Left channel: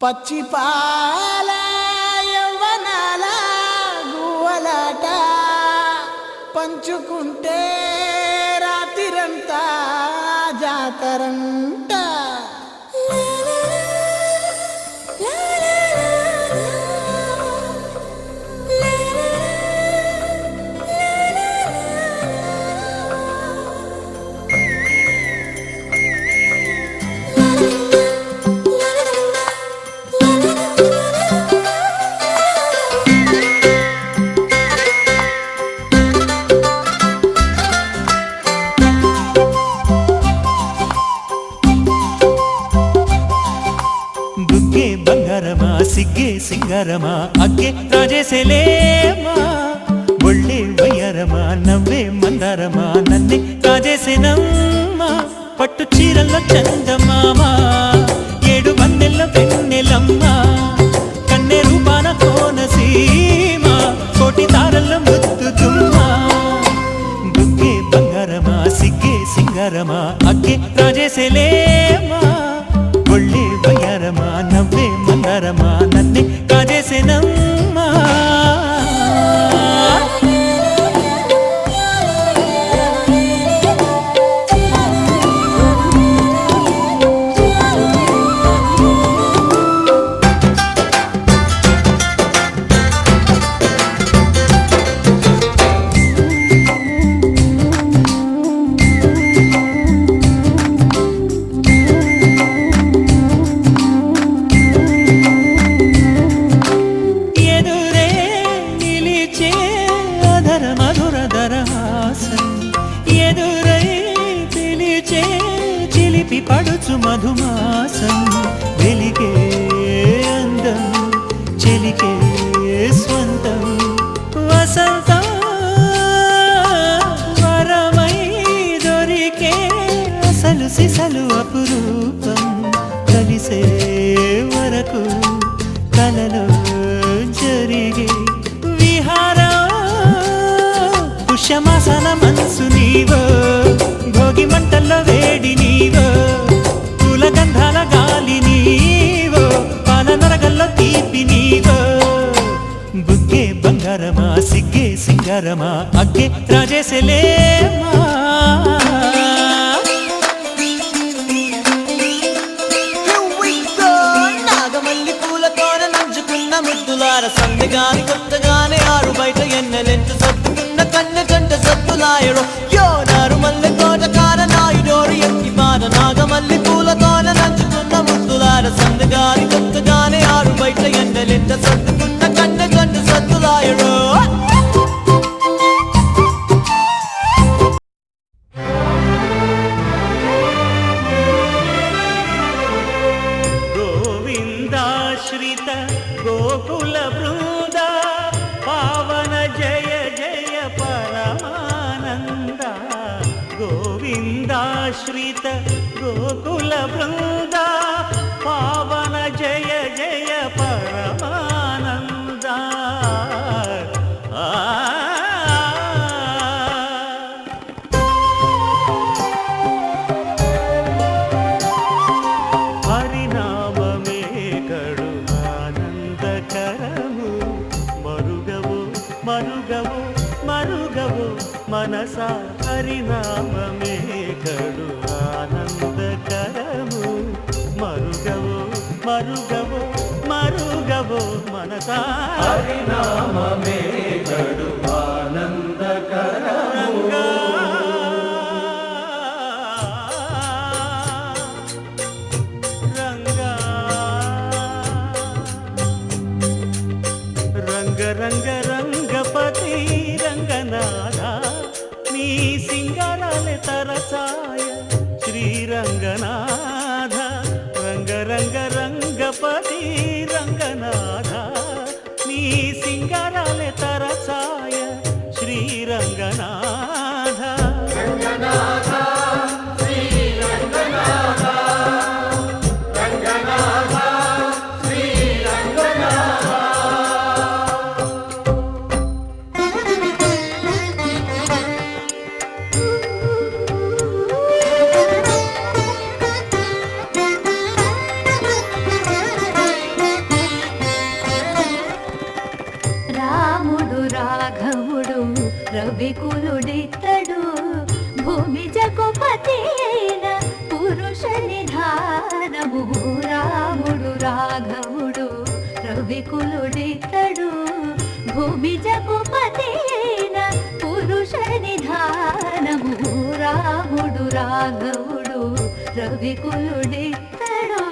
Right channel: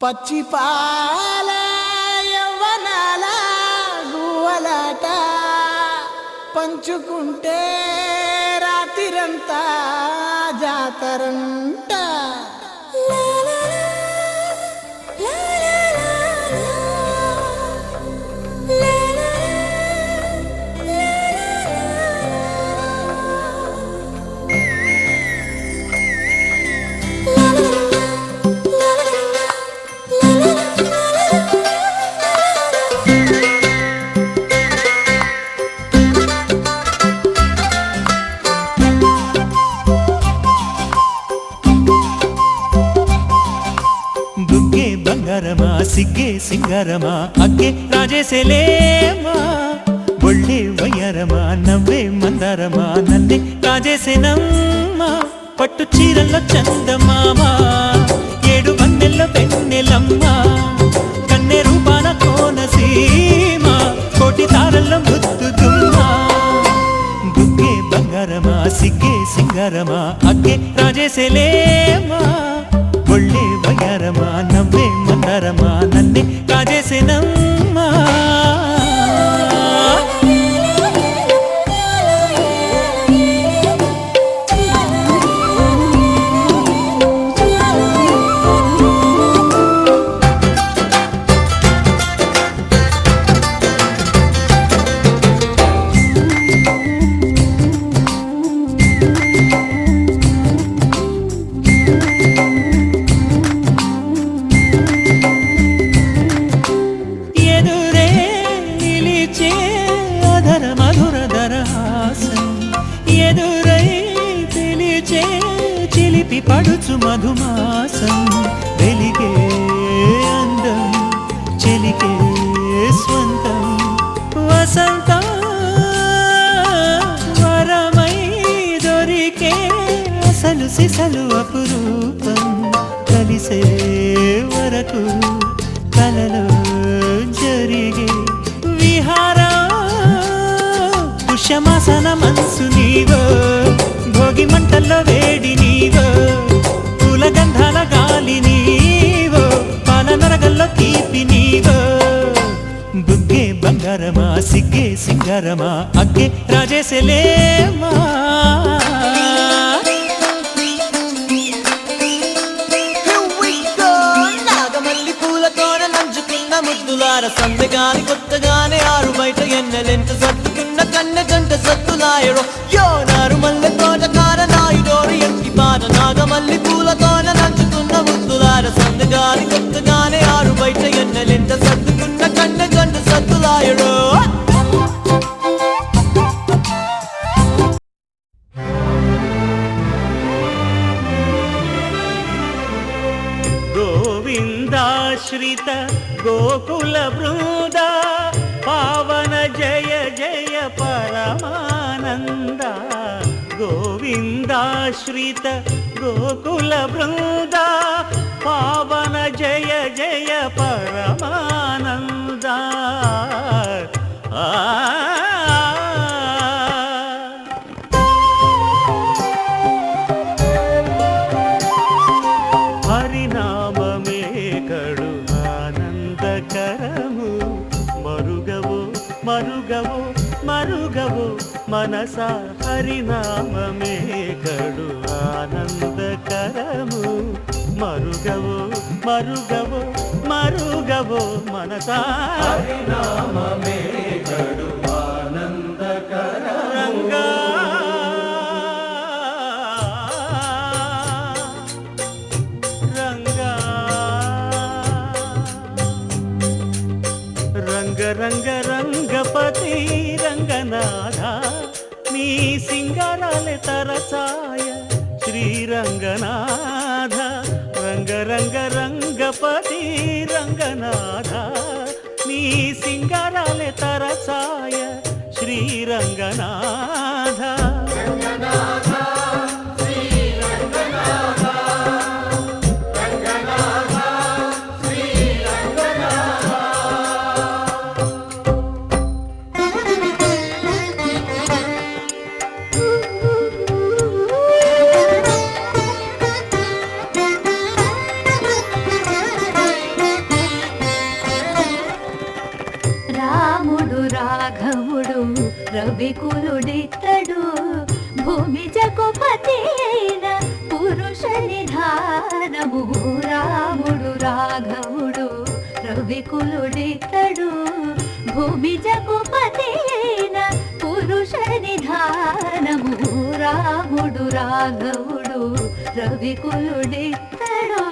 పచ్చిపాల యవ్వనాల గువ్వలాట పంచుకుంటే రాత్రిరంతా జాతరంట. బుగ్గే బంగారమా సిగ్గే సింగారమా అగ్గే రాజేసేలేమా ఒళ్ళే వయ్యారమా నవ్వే మందారమా నన్నే కాజేసేనమ్మా పట్టు చీరల్లో చందమామా ఏడు వన్నెల్లో వెన్నెలమ్మా కన్నె రూపాన కోనసీమ కోటి తారల్లో ముద్దుతుమ్మా బుగ్గే బంగారమా సిగ్గే సింగారమా అగ్గే రాజేసేలేమా ఒళ్ళే వయ్యారమా నవ్వే మందారమా నన్నే కాజేసేనమ్మా. ఎదురై పిలిచే చిలిపి పడుచు మధుమాసం వెలిగే అందం చెలికే స్వంతం వసంతం వరమై దొరికే అసలు సిసలు అపురూపం కలిసే వరకు కలలో జరిగే విహారం పుష్యమాసన మనసు నీవో భోగి మంటల్లో వేడి నీవో పూల గంధాల గాలి నీవో పాల నరగల్లో తీపి నీవో బుగ్గే బంగారమా సిగ్గే సింగారమా అగ్గే రాజేసేలేమా. నాగమల్లి పూలతోన నంచుకున్న ముద్దులార సందగాని కొత్తగానే ఆరు బయట ఎన్నెలెంట సర్దుకున్న కన్నె జంట సద్దులాయడో యో నారు మల్లె తోటకార నాయుడోరు ఎక్కి బాట నాగమల్లి పూలతోన నంచుకున్న ముద్దులార సందగాని కొత్తగానే ఆరు బయట ఎన్నెలెంట సర్దుకున్న కన్నె జంట సద్దులాయడో. గోవిందాశ్రిత గోకుల బృంద పావన జయ జయ పరమానంద గోవిందాశ్రిత గోకుల బృంద పావన జయ జయ పరమానంద. హరినామమే కడు ఆనందకరము మరుగవు మరుగవు మరుగవు మనసా హరినామమే కడు ఆనందకరము మరుగవు మరుగవు మరుగవు మనసా హరినామమే కడు ఆనందకరము. రంగ రంగ రంగపతి రంగనాథ నీ సింగారాలే తరసాయ శ్రీరంగనాథ రంగ రంగ రంగపతి రంగనాథ నీ సింగారాలే తరసాయ శ్రీరంగనాథ. జగుపతి అయిన పురుష నిధానము రాముడు రాఘవుడు రవికులుడితడు భూమి జగుపతి అయిన పురుష నిధానము రాముడు రాఘవుడు రవికులుడితడు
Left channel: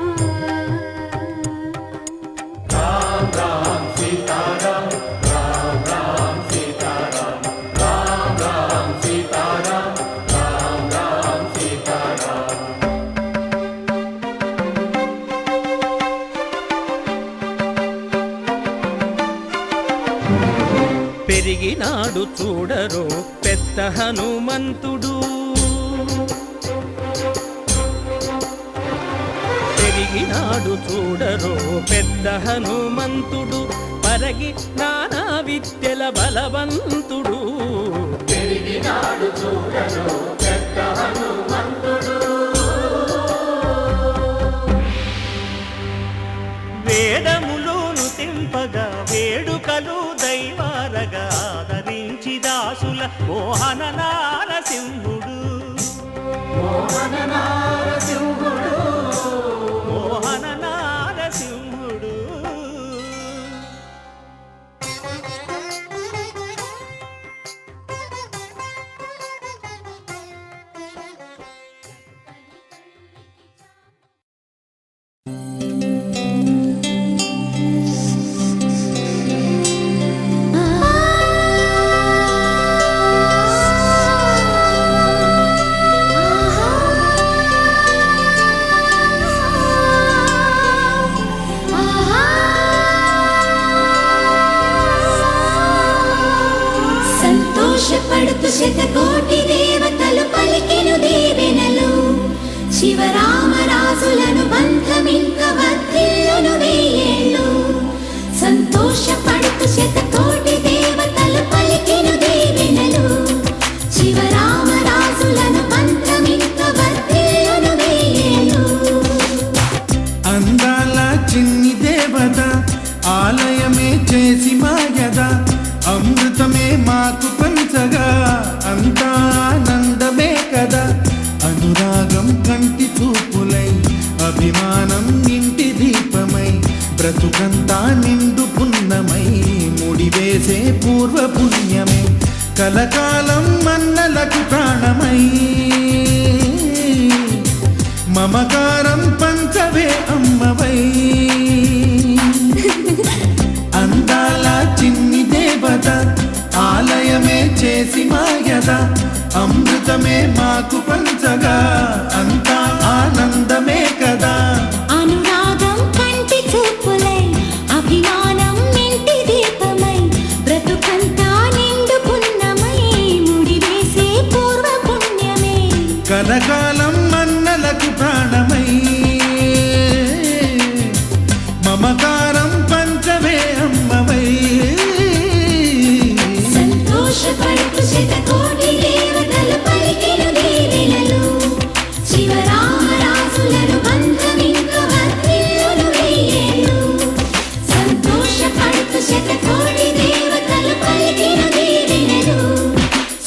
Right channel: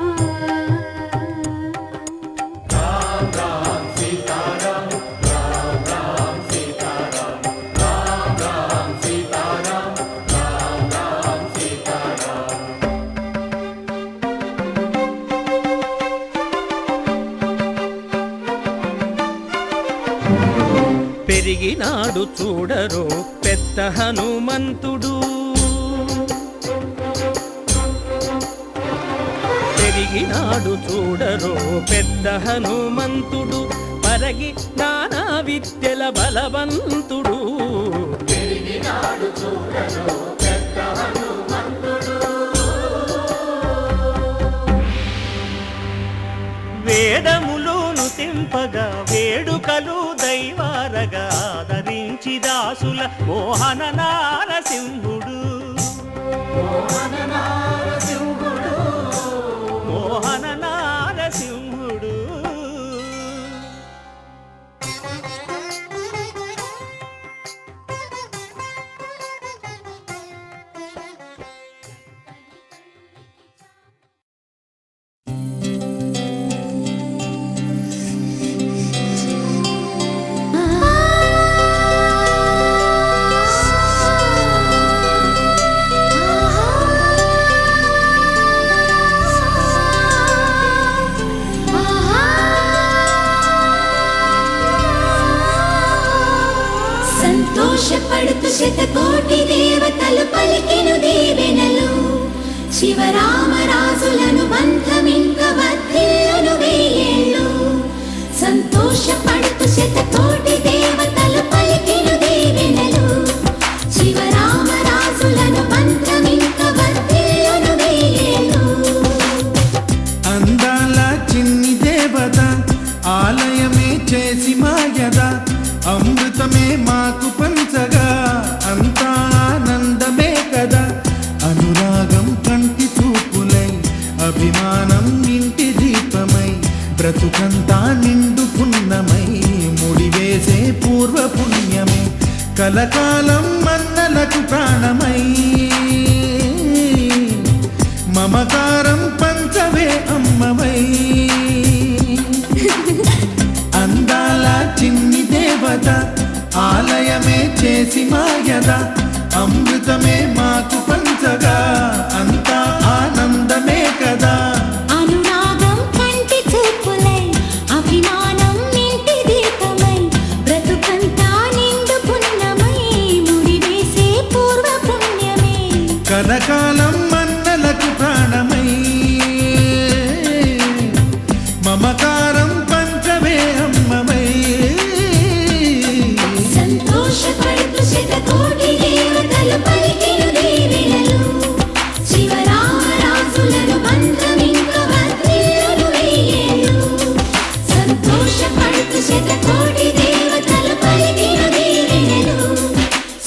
పెరిగినాడు చూడరో పెద్ద హనుమంతుడు పెరిగినాడు చూడరో పెద్ద హనుమంతుడు పరగి నానా విద్యల బలవంతుడు పెరిగినాడు చూడరో పెద్ద హనుమంతుడు వేదములోను తెంపగా వేడుకలు దైవారగా ఆదరించి దాసుల మోహన నారసింహుడు మోహన నారసింహుడు మోహన నారసింహుడు సంతోషపడుతూ శతకోటి దేవతలు పలికెను దీవెనలు శివరామరాజులను బంధమింక వర్ధిల్లును వెయ్యేళ్ళు సంతోషపడుతూ శతకోటి దేవతలు పలికెను దీవెనలు శివరామరాజులను బంధమింక వర్ధిల్లును వెయ్యేళ్ళు అందాల చిన్ని దేవత ఆలయమే చేసి మాయద అమృతమే మాకు పంచగా అంతా ఆనందమే కదా అనురాగం కంటి చూపులై అభిమానం ఇంటి దీపమై బ్రతుకంతా నిండు పున్నమై ముడివేసే పూర్వ పుణ్యమే కలకాలం మన్నలకు ప్రాణమై మమకారం పంచవే అమ్మవై అందాల చిన్ని దేవత ఆలయమే చేసి మాయద అమృతమే మాకు పంచగా అంతా ఆనందమే కదా అనురాగం కంటి చూపులై అభిమానం ఇంటి దీపమై బ్రతుకంతా నిండు పున్నమై ముడివేసే పూర్వ పుణ్యమే కలకాలం మన్నలకు ప్రాణమై మమకారం పంచవే అమ్మవై సంతోషపడుతూ శతకోటి దేవతలు పలికెను దీవెనలు శివరామరాజులను బంధమింక వర్ధిల్లును వెయ్యేళ్ళు సంతోషపడుతూ శతకోటి దేవతలు పలికెను దీవెనలు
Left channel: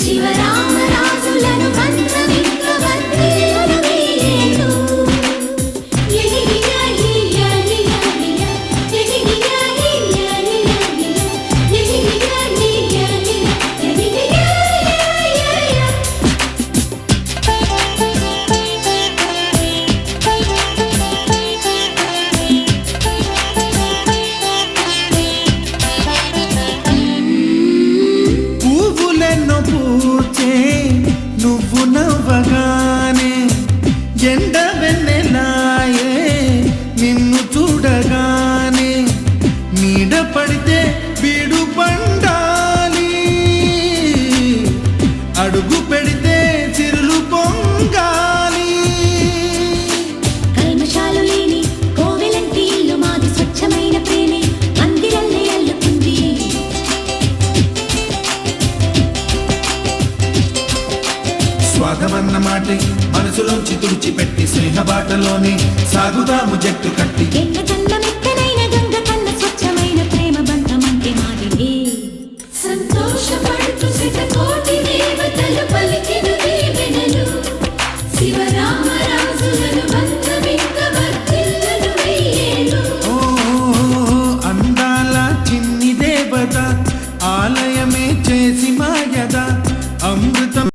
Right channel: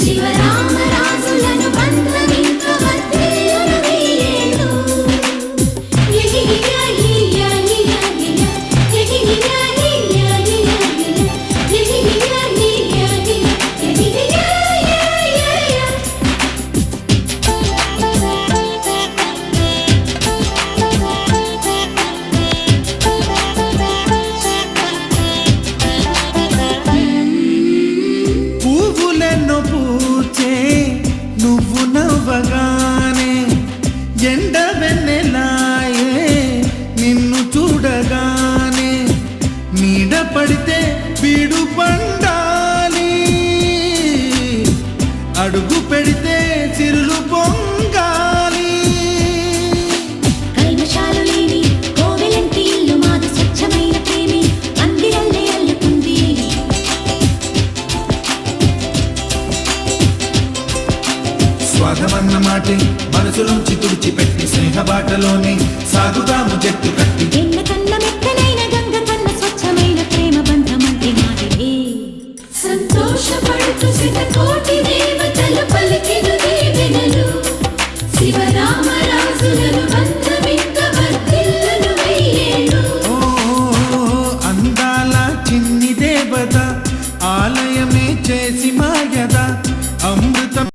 శివరామరాజులను బంధమింక వర్ధిల్లును వెయ్యేళ్ళు పువ్వులెన్నో పూచే నువ్వు నవ్వగానే ఎండ వెన్నెలాయే నిన్ను చూడగానే నీడ పడితే బీడు పండాలి అడుగు పెడితే చిరులు పొంగాలి కల్మషాలు లేని కోవెలంటి ఇల్లు మాది స్వచ్ఛమైన ప్రేమే అందిరల్లే అల్లుకుంది స్వాగమన్న మాటే మనసులోంచి తుడిచిపెట్టి స్నేహబాటలోనే సాగుతాము జట్టు కట్టి ఎన్న కన్న మెత్తనైన గంగ కన్న స్వచ్ఛమైన ప్రేమ బంధమంటే మాదిరే సంతోషపడుతూ శతకోటి దేవతలు పలికెను దీవెనలు దేవత ఆలయమే చేసి మాయద అమృతం